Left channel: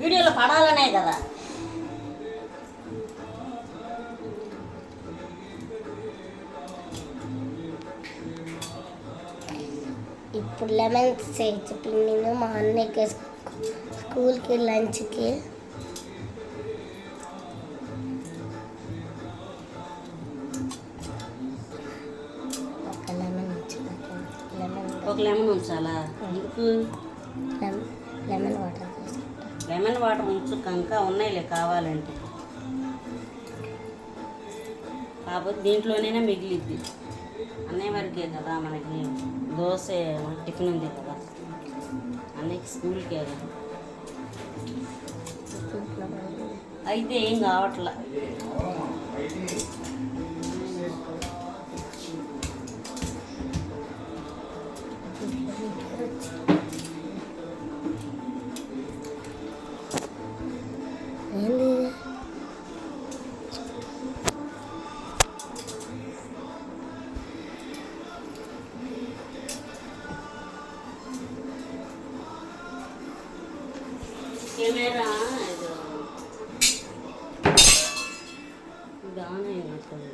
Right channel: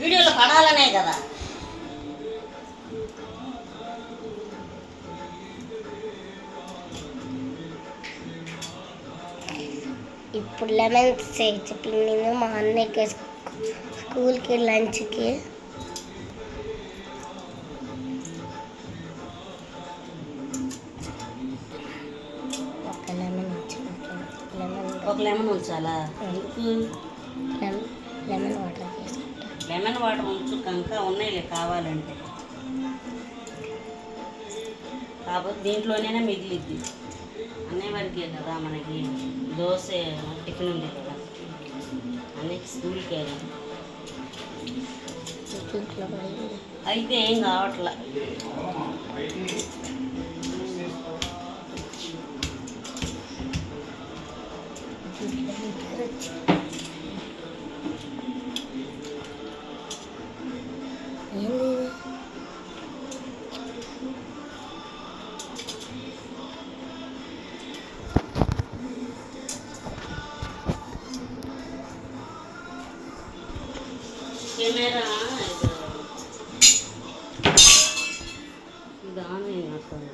వీడియోలో పడాలనే కదా. ఇప్పుడు లెమన్ చెప్పింది మా అన్నయ్యకి స్కూల్కి లంచ్కి. ఒక లెమన్ ఉంచాలా? ఎందుకు? లెమన్ వాటర్ తీసుకుంటా. లెమన్ వాటర్ ఉంచు, ఇంకా ఉన్నాయిలే కావాలంటే. కాకపోతే దీంట్లోనైనా మిగిలిద్ది. అన్నయ్య వరకే కదా మనకి దోశ టిఫిన్ ఉంది కదా, అన్నయ్యకి స్కూల్కే కదా. అయితే ఏం కావట్లా. కెమెరా ఇది ఆన్ అయినట్టుంది.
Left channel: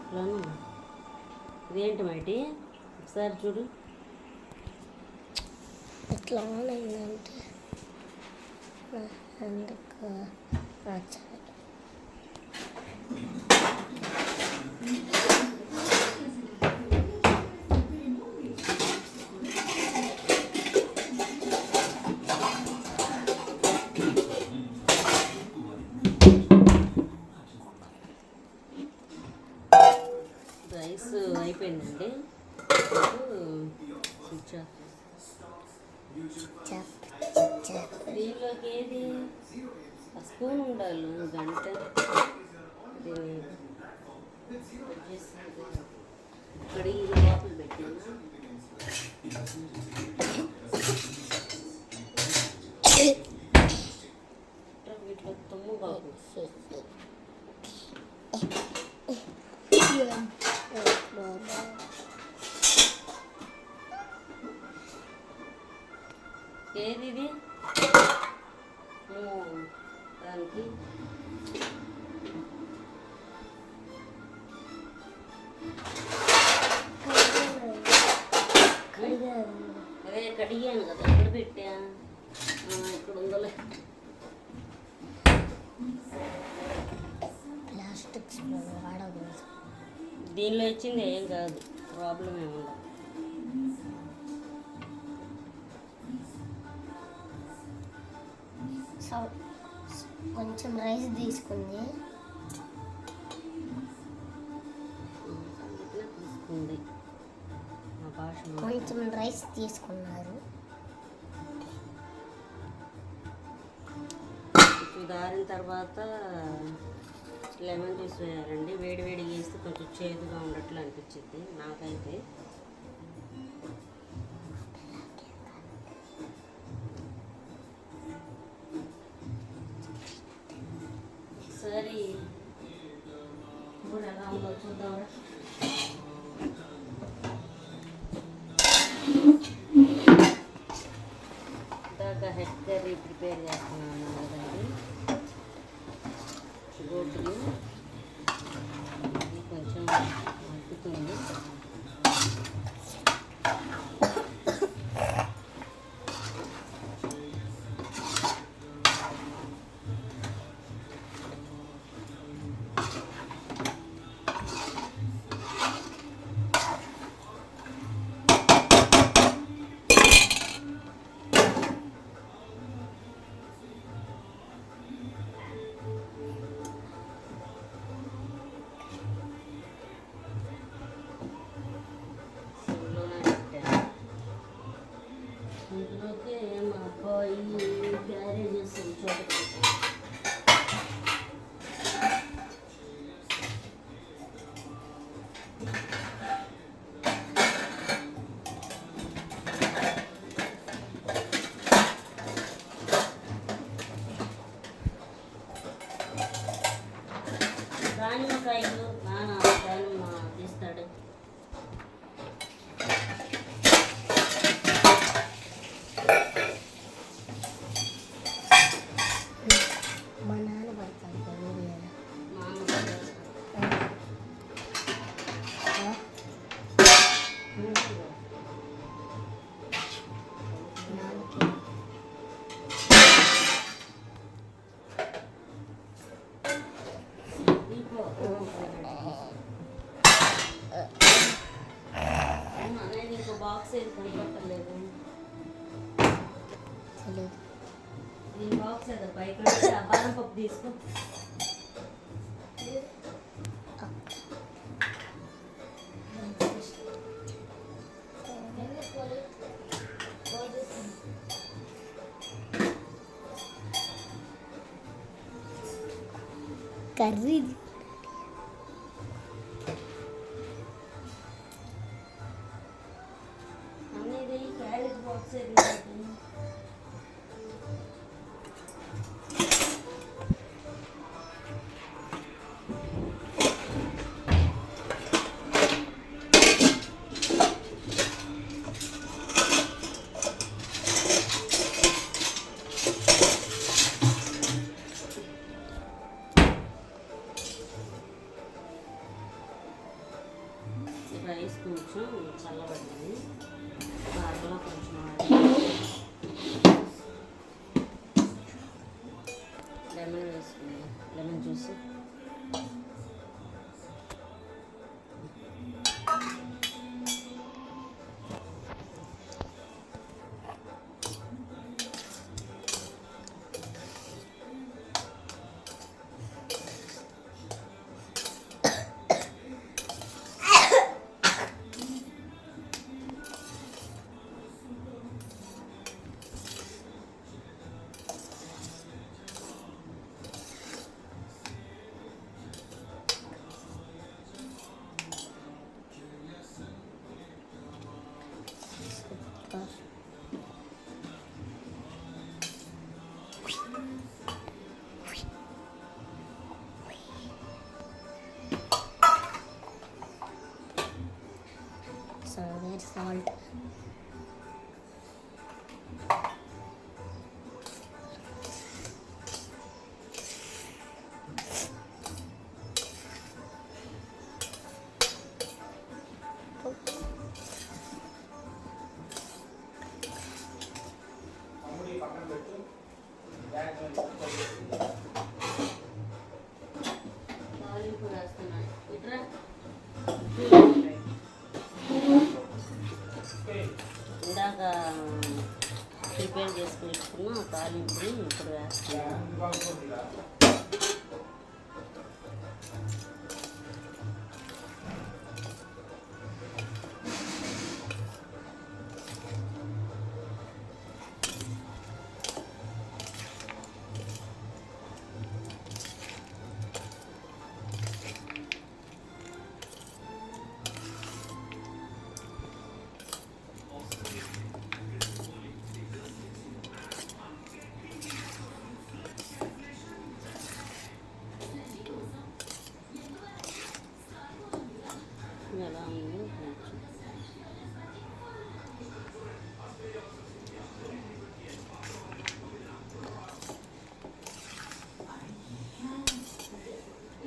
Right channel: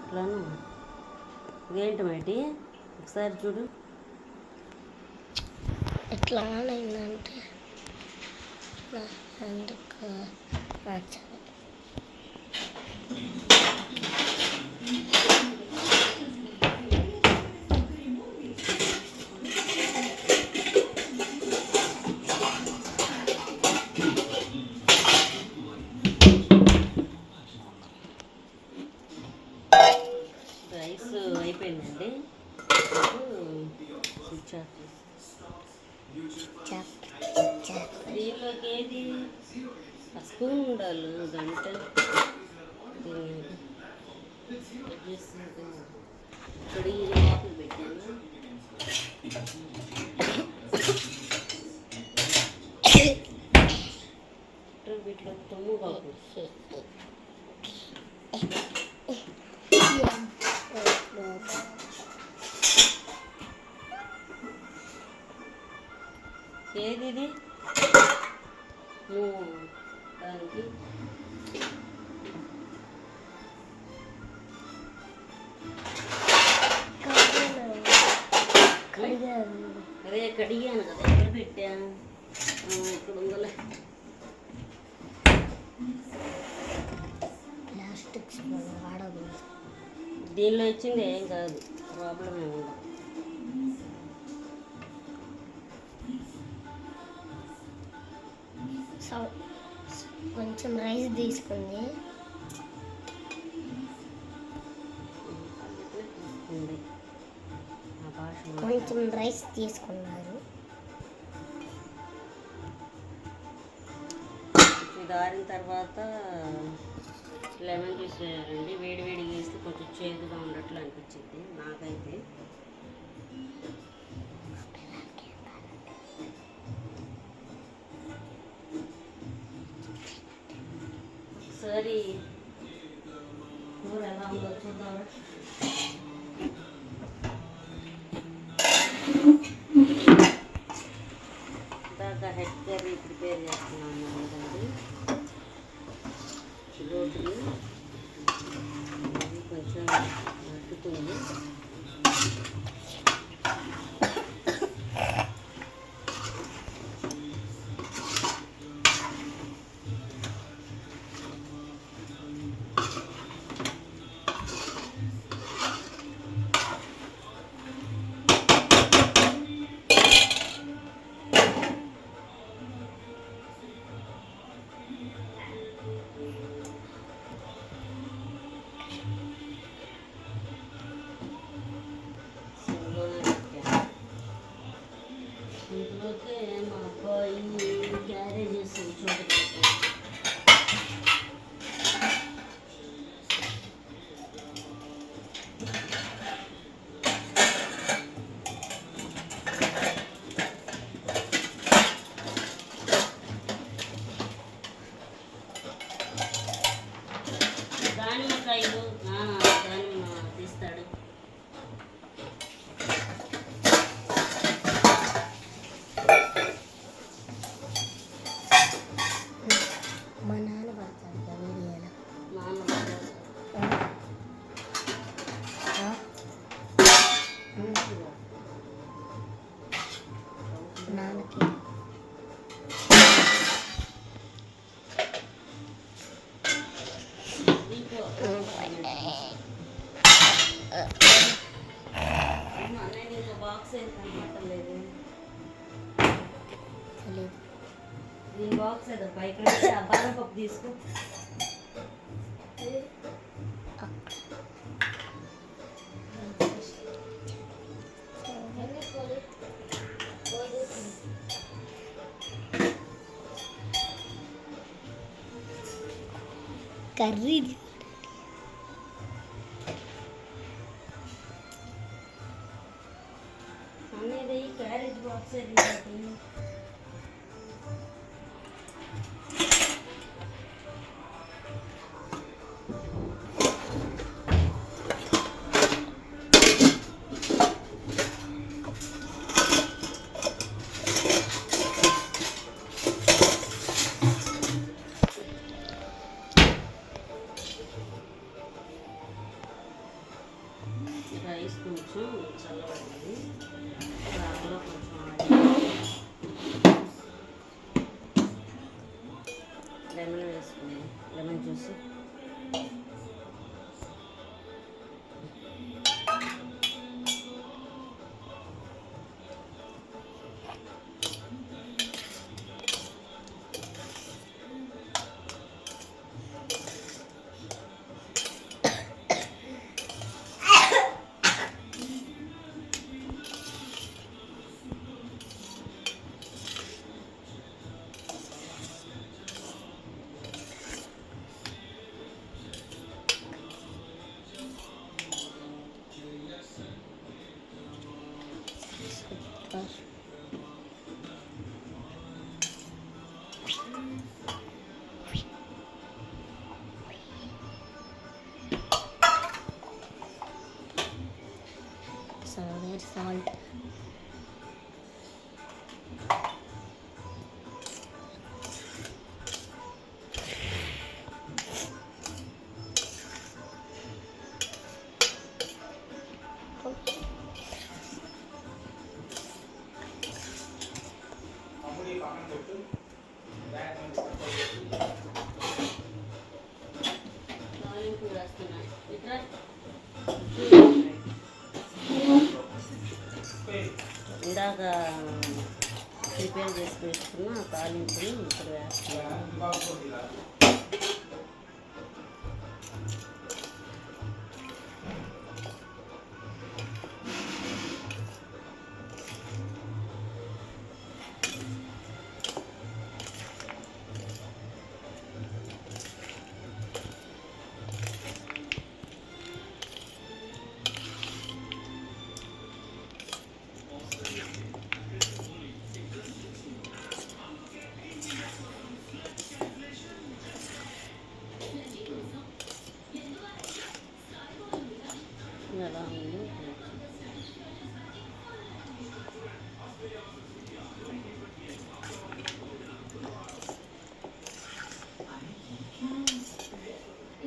ఇట్లాను ఇదేంటి మైటి? ఒకసారి చూడు. ఎట్లా ఆన్ అయిందంటే అందుకు రైస్ అయిపోయిందండి. Switch off. దీనిలోకి ఏది స్పూన్ ఉండాలి, గంట ఇక్కడ ఈ లోపల పెట్టాను. వీటిలో తమ్ము కాకు. ఏది ఇది? దానికి అదే కడిగాను కదా, ఎక్కడ పెట్టా? ఇక్కడ ఉందలే. ప్లాస్టిక్ స్పూన్ వాడకూడదు. దీనిలో వచ్చింది ఏం కాదు, ప్రాబ్లం ఏమి ఉండదు. కొంచెం రైస్ తీసుకుంది. కొంచెం రైస్ తీసుకున్నారు. దారిన తర్వాత లెమన్ జ్యూస్ వేయాలండి. వేడి వేడి వేస్తే కొంచెం చేదుగా ఉన్నట్లు అనిపించింది నాకైతే. సరే కూర ఎలా ఉందో చూద్దాం. ఇందాక హెడ్ కర్రీ ప్రిపేర్ చేస్తున్నాను కదండి, రోడ్లు కొంచెం ఉట్టుతుంది. ఇంట్లోకి మా అబ్బాయి క్యారేజెస్ చోటు దానిమ్మకాయలు దానిమ్మ తీస్తాడు. దీని బాక్స్ ఏదో పైకి పెట్టి ఆ బాదం పప్పు తీసుకో. కర్రీ అనేది క్యారేజ్ బాక్స్ రైస్ కొంచెం చల్లబడింది, దాంట్లో కొంచెం లెమన్ వేసుకుంది, లెమన్ జ్యూస్. సాల్ట్ తాలింపు వేస్తున్నాయి ఇట్లా. ఇందాక ప్రిపేర్ చేసి పెట్టుకున్న తాలింపుని ఇప్పుడు వేస్తున్నాను. ఎలా ఉందో కొంచెం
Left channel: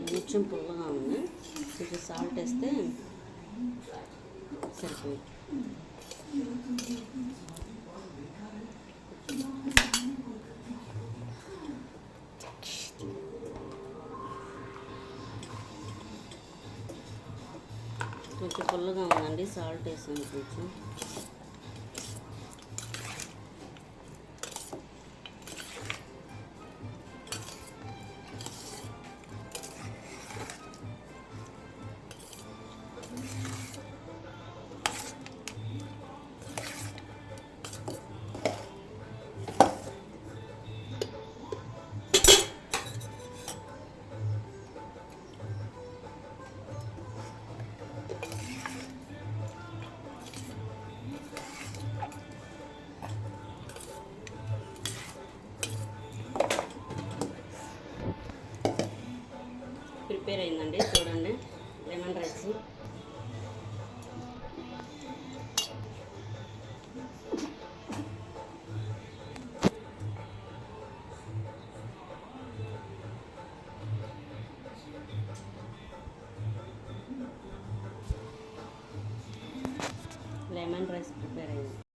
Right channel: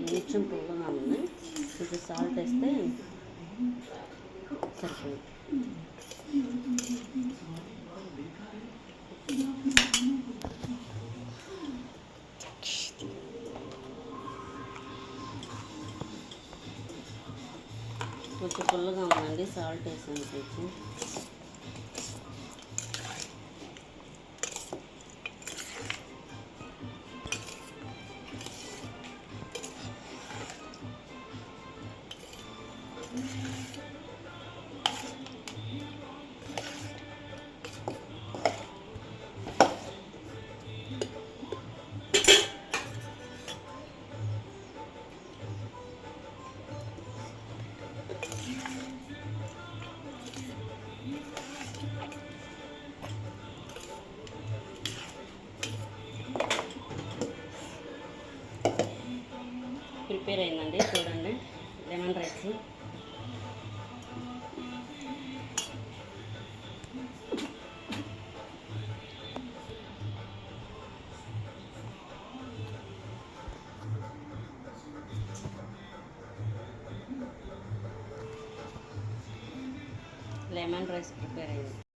కొంచెం పుల్లగా ఉంది, కొంచెం సాల్ట్ వేస్తే సరిపోయింది. కొంచెం పుల్లగా ఉందండి, సాల్ట్ వేసాను కొంచెం. ప్రిపేర్ అయిందండి, చూడండి lemon rice. Lemon rice prepare అయింది.